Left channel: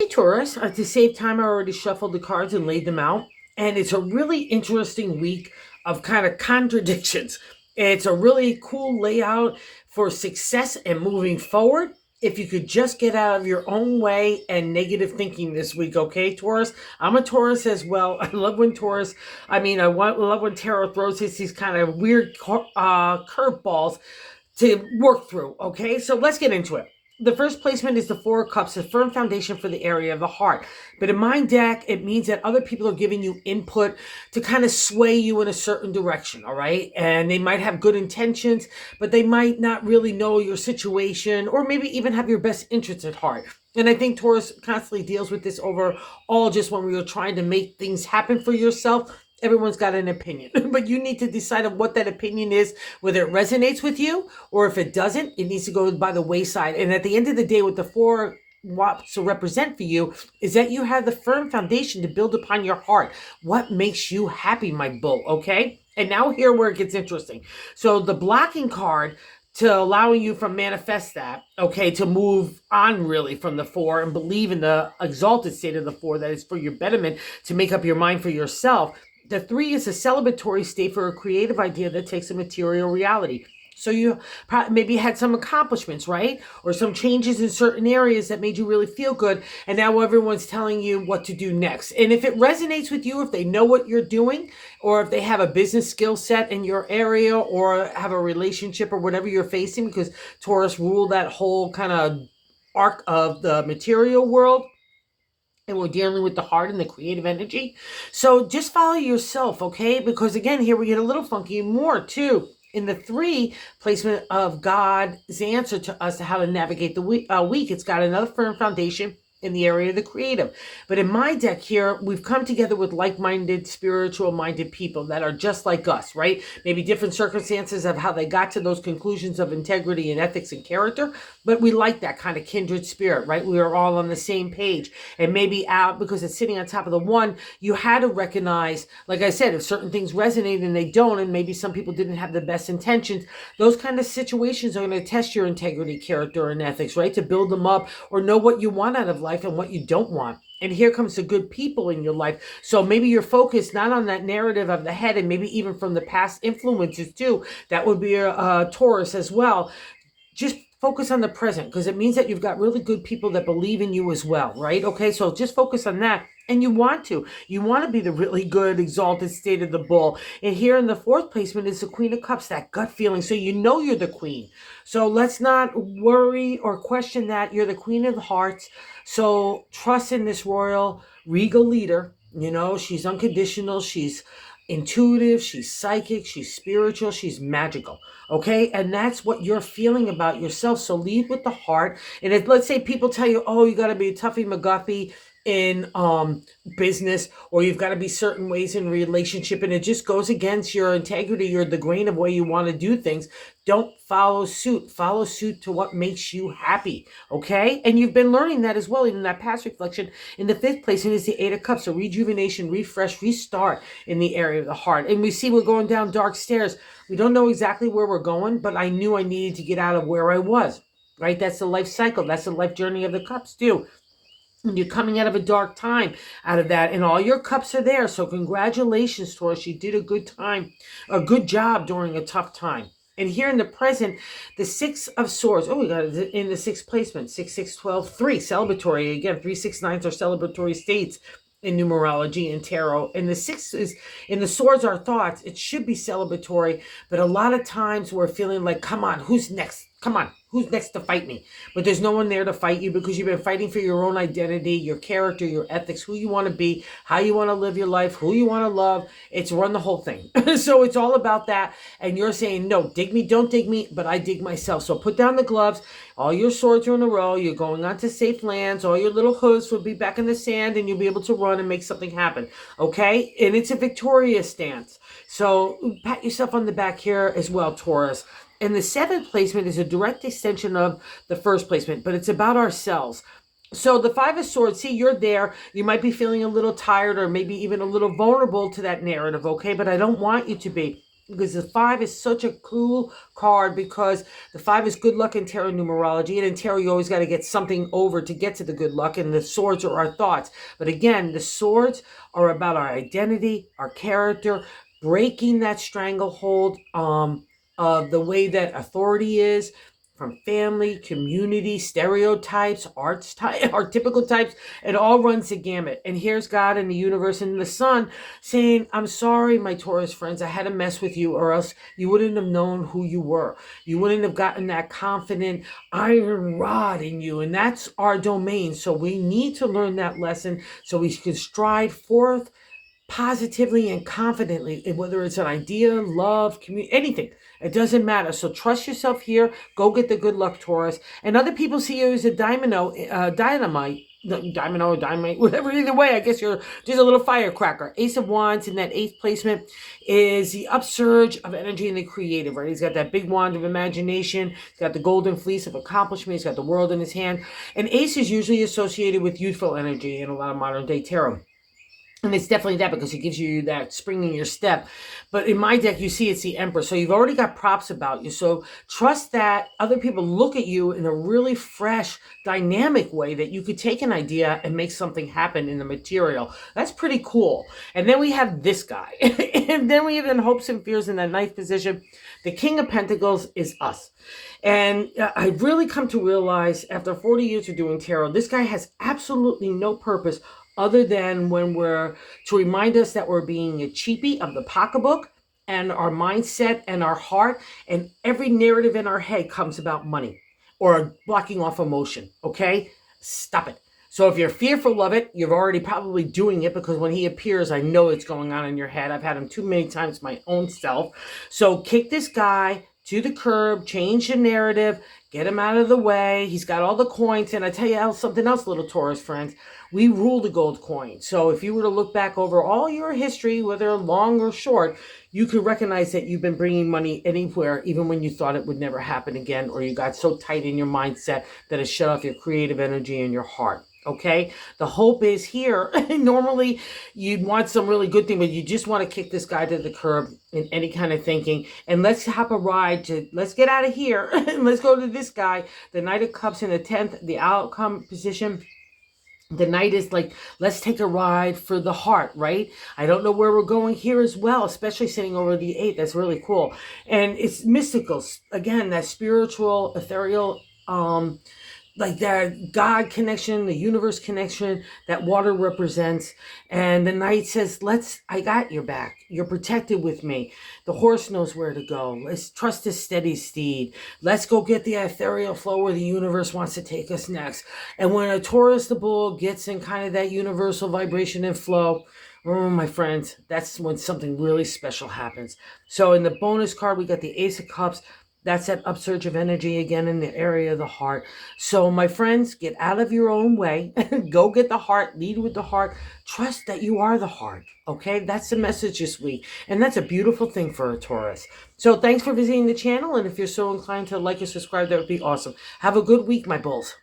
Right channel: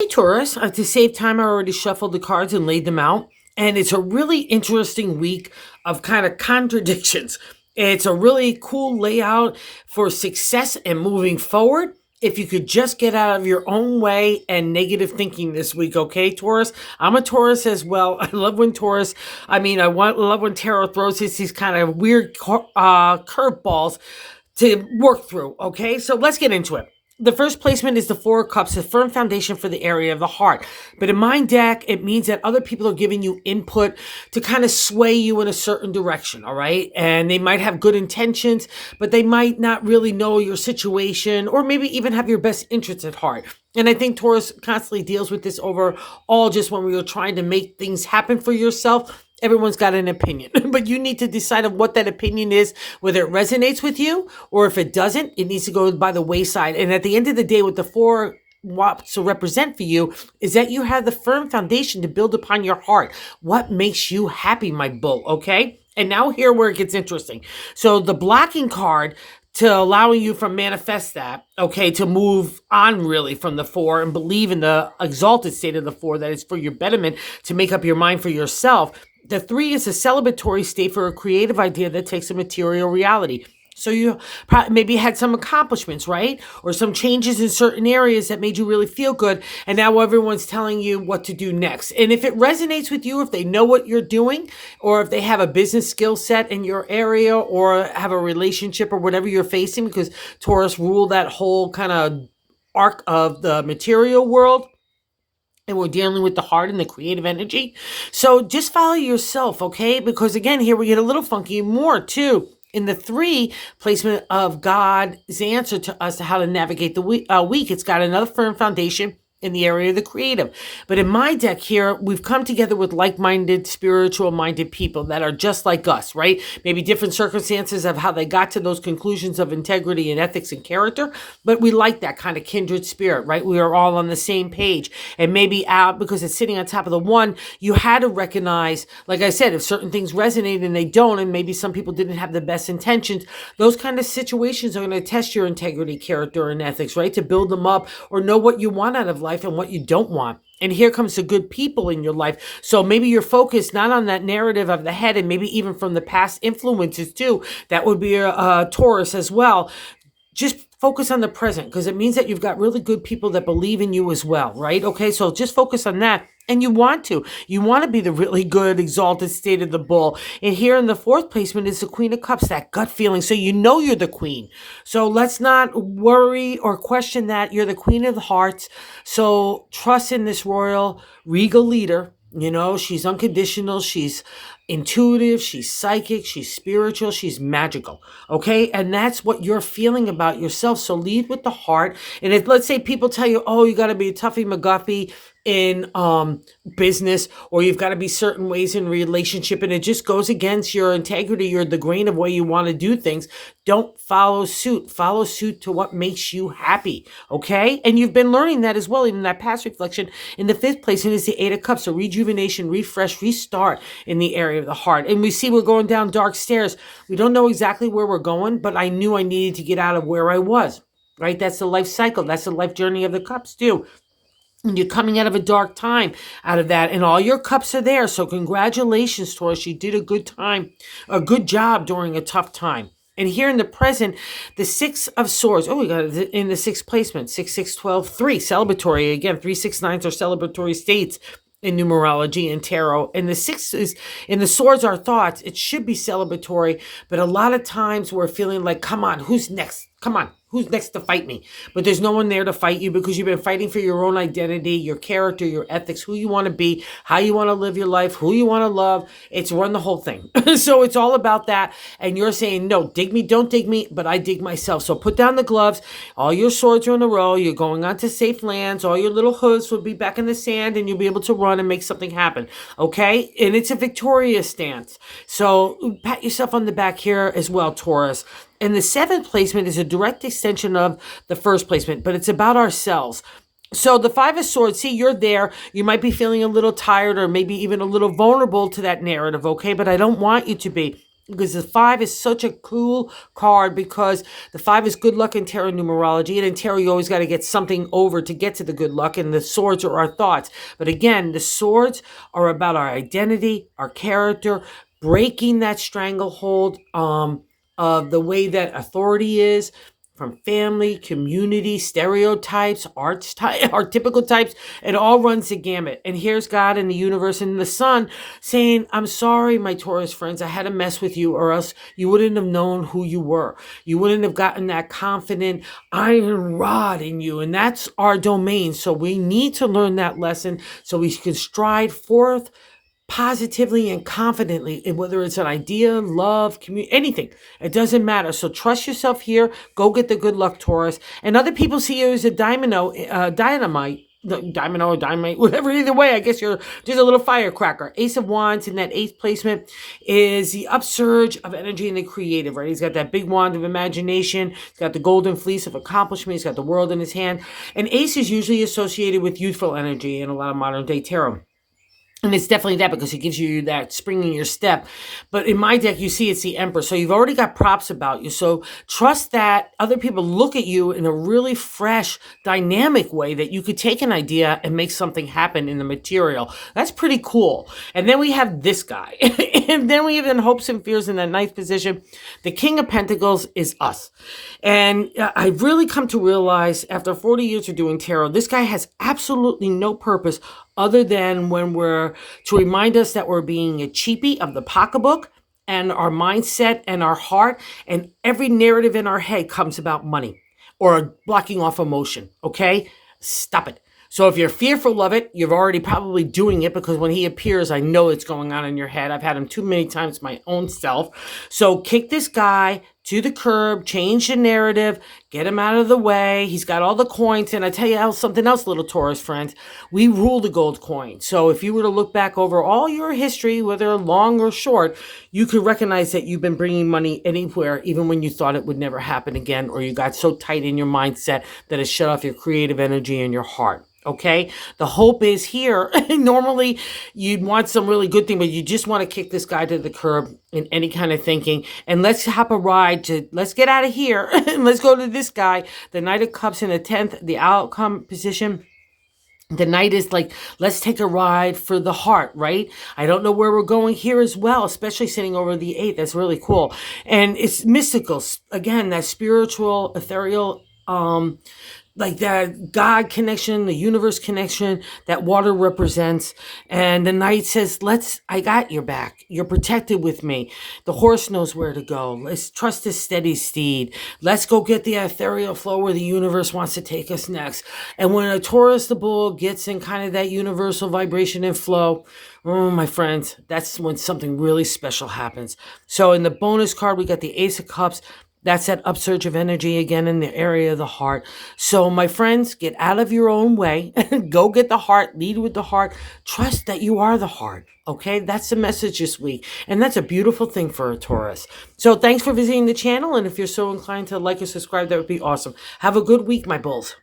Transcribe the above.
Hey Taurus, to save time, I already shuffled the cards and laid them out. And it's a really interesting week of kind of contradictions. It's a really cool layout for success and moving forward. If you could just get out of your own way and negative thinking this week, okay, Taurus? I'm a Taurus as well. I love when Taurus, love when tarot throws us these kind of weird curveballs to work through, okay? So let's get into it. The first placement is the Four of Cups, a firm foundation for the area of the heart. But in my deck, it means that other people are giving you input to kind of sway you in a certain direction, all right? And they might have good intentions, but they might not really know your situation or maybe even have your best interests at heart. And I think Taurus constantly deals with this overall just when we are trying to make things happen for yourself. Everyone's got an opinion, but you need to decide on what that opinion is, whether it resonates with you or if it doesn't, it needs to go by the wayside. And at the end of the day, what the four wants to represent for you is that you have the firm foundation to build upon your heart. What makes you happy, my bull, okay? And now here where it gets interesting. So the blocking card to allowing you from manifest that, okay, to move on really from the four and believe in the exalted state of the four that is for your betterment, to make up your mind for yourself. The three is a celebratory state for a creative idea that takes a material reality. So you maybe had some accomplishments, right? Or some changes in certain areas that made you really feel good. And now everyone's telling you what to do next. And if it resonates with you, if they know what you're doing, or if they have a business skill set in your area, or have a relationship or whatever you're facing, because Taurus rule that whole kind of arc of the material world, and we're dealing with the heart and the creative energy. So just follow yourself, okay? Because again, here we get a little funky more too. In the three placement of God's answer to us to how to navigate the week, it's got another firm foundation in the area of the creative. But in my deck here, we've come together with like-minded, spiritual-minded people that are just like us, right? Maybe different circumstances of how they got to those conclusions of integrity and ethics and character, but we like that kind of kindred spirit, right? We are all on the same page. And maybe because it's sitting on top of the one, you had to recognize, like I said, if certain things resonate and they don't, and maybe some people didn't have the best intentions, those kind of situations are going to test your integrity, character, and ethics, right? To build them up or know what you want out of life and what you don't want. And here comes the good people in your life. So maybe you're focused not on that narrative of the head, and maybe even from the past influences too. That would be a Taurus as well. Just focus on the present, because it means that you've got really good people that believe in you as well, right? Okay, so just focus on that. And you want to be the really good exalted state of the bull. And here in the fourth placement is the Queen of Cups, that gut feeling. So you know you're the queen. So let's not worry or question that. You're the Queen of the Hearts. So trust in this royal, regal leader. You know, she's unconditional. She's intuitive, she's psychic, she's spiritual, she's magical. Okay, and that's what you're feeling about yourself. So lead with the heart. And if, let's say, people tell you, oh, you got to be a Tuffy McGuffy in business, or you've got to be certain ways in relationship, and it just goes against your integrity or the grain of way you want to do things, don't follow suit. Follow suit to what makes you happy. Okay, and you've been learning that as well in that past reflection. In the fifth place, it is the Eight of Cups, a rejuvenation, refresh, restart in the area of the heart. And we see we're going down dark stairs. We don't know exactly where we're going, but I knew I needed to get out of where I was, right? That's the life cycle. That's the life journey of the cups too. And you're coming out of a dark time out of that, and all your cups are there. So congratulations, Taurus. You did a good job during a tough time. And here in the present, the Six of Swords. Oh, we got it in the sixth placement. 6, 6, 12, 3. Celebratory. Again, 3, 6, 9s are celebratory states in numerology and tarot. And the six is in the swords are thoughts. It should be celebratory, but a lot of times we're feeling like, come on, who's next? Come on, who's next to fight me? But there's no one there to fight you, because you've been fighting for your own identity, your character, your ethics, who you want to be, how you want to live your life, who you want to love. It's run the whole thing. So it's all about that. And you're saying, no, dig me, don't dig me, but I dig myself. So put down the gloves. All your swords are in a row. You're going on to safe lands. All your little hooves will be back in the sand, and you'll be able to run and make something happen. Okay? And it's a victorious stance. So pat yourself on the back here as well, Taurus. And the seventh placement is a direct extension of the first placement, but it's about ourselves. So the Five of Swords, see, you're there. You might be feeling a little tired or maybe even a little vulnerable to that narrative, okay? But I don't want you to be. because the 5 is such a cool card, because the 5 is good luck in tarot numerology, and in tarot you always got to get something over to get to the good luck, and the swords are our thoughts. But again, the swords are about our identity, our character, breaking that stranglehold of the way that authority is, from family, community, stereotypes, archetypical types. It all runs the gamut. And here's God and the universe and the sun saying, I'm sorry, my Taurus friends, I had to mess with you, or else you wouldn't have known who you were. You wouldn't have gotten that confident iron rod in you. And that's our domain. So we need to learn that lesson so we can stride forth positively and confidently, whether it's an idea, love, community, anything. It doesn't matter. So trust yourself here. Go get the good luck, Taurus. And other people see you as a dynamite, or dynamite, whatever. Either way, I guess you're just a little firecracker. Ace of Wands in that 8th placement is the upsurge of energy in the creative, right? He's got that big wand of imagination. He's got the golden fleece of accomplishment. He's got the world in his hand. And Ace is usually associated with youthful energy in a lot of modern day tarot. And it's definitely that, because it gives you that spring in your step. But in my deck, you see it's the Emperor. So you've already got props about you. So trust that other people look at you in a really fresh, dynamic way, that you could take an idea and make something happen in the material. That's pretty cool. And then we have this guy. And then we have in hopes and fears in that 9th position. The King of Pentacles is us. And I've really come to realize after 40 years of doing tarot, this guy has absolutely no purpose other than when we're to remind us that we're being a cheapie of the pocketbook and our mindset and our heart, and every narrative in our head comes about money or blocking off emotion. Okay, stop it. So if you're fearful of it, you're already probably doing it, because when he appears, I know it's going on in your head. I've had him too many times my own self. So kick this guy to the curb, change the narrative, get him out of the way. He's got all the coins. And I tell you something else, little Taurus friends, we rule the gold coin. So if you were to look back over all your history, whether long or short, you could recognize that you've been bringing money anywhere, even when you thought it would never happen again, or you got so tight in your mindset that it shut off your creative energy and your heart. Okay, the hope is here. Normally, you'd want some really good thing, but you just want to kick this guy to the curb in any kind of thinking. And let's hop a ride let's get out of here. And let's go to this guy, the Knight of Cups in the 10th, the outcome position. The Knight is like, let's take a ride for the heart, right? I don't know where we're going here as well, especially sitting over the 8th. That's really cool. And it's mystical. Again, that spiritual, ethereal, like that God connection, the universe connection that water represents. And the Knight says, I got your back. You're protected with me. The horse knows where to go. Let's trust the steady steed. Let's go get the ethereal flow where the universe wants to take us next. And when a Taurus, the bull, gets in kind of that universal vibration and flow, oh, my friends, that's when something really special happens. So in the bonus card, we got the Ace of Cups. That's that upsurge of energy again in the area of the heart. So my friends, get out of your own way. Go get the heart. Lead with the heart. Trust that you are the heart. Okay, that's the message this week. And that's a beautiful thing for a Taurus. So thanks for visiting the channel. And if you're so inclined to like or subscribe, that would be awesome. Have a good week, my bulls.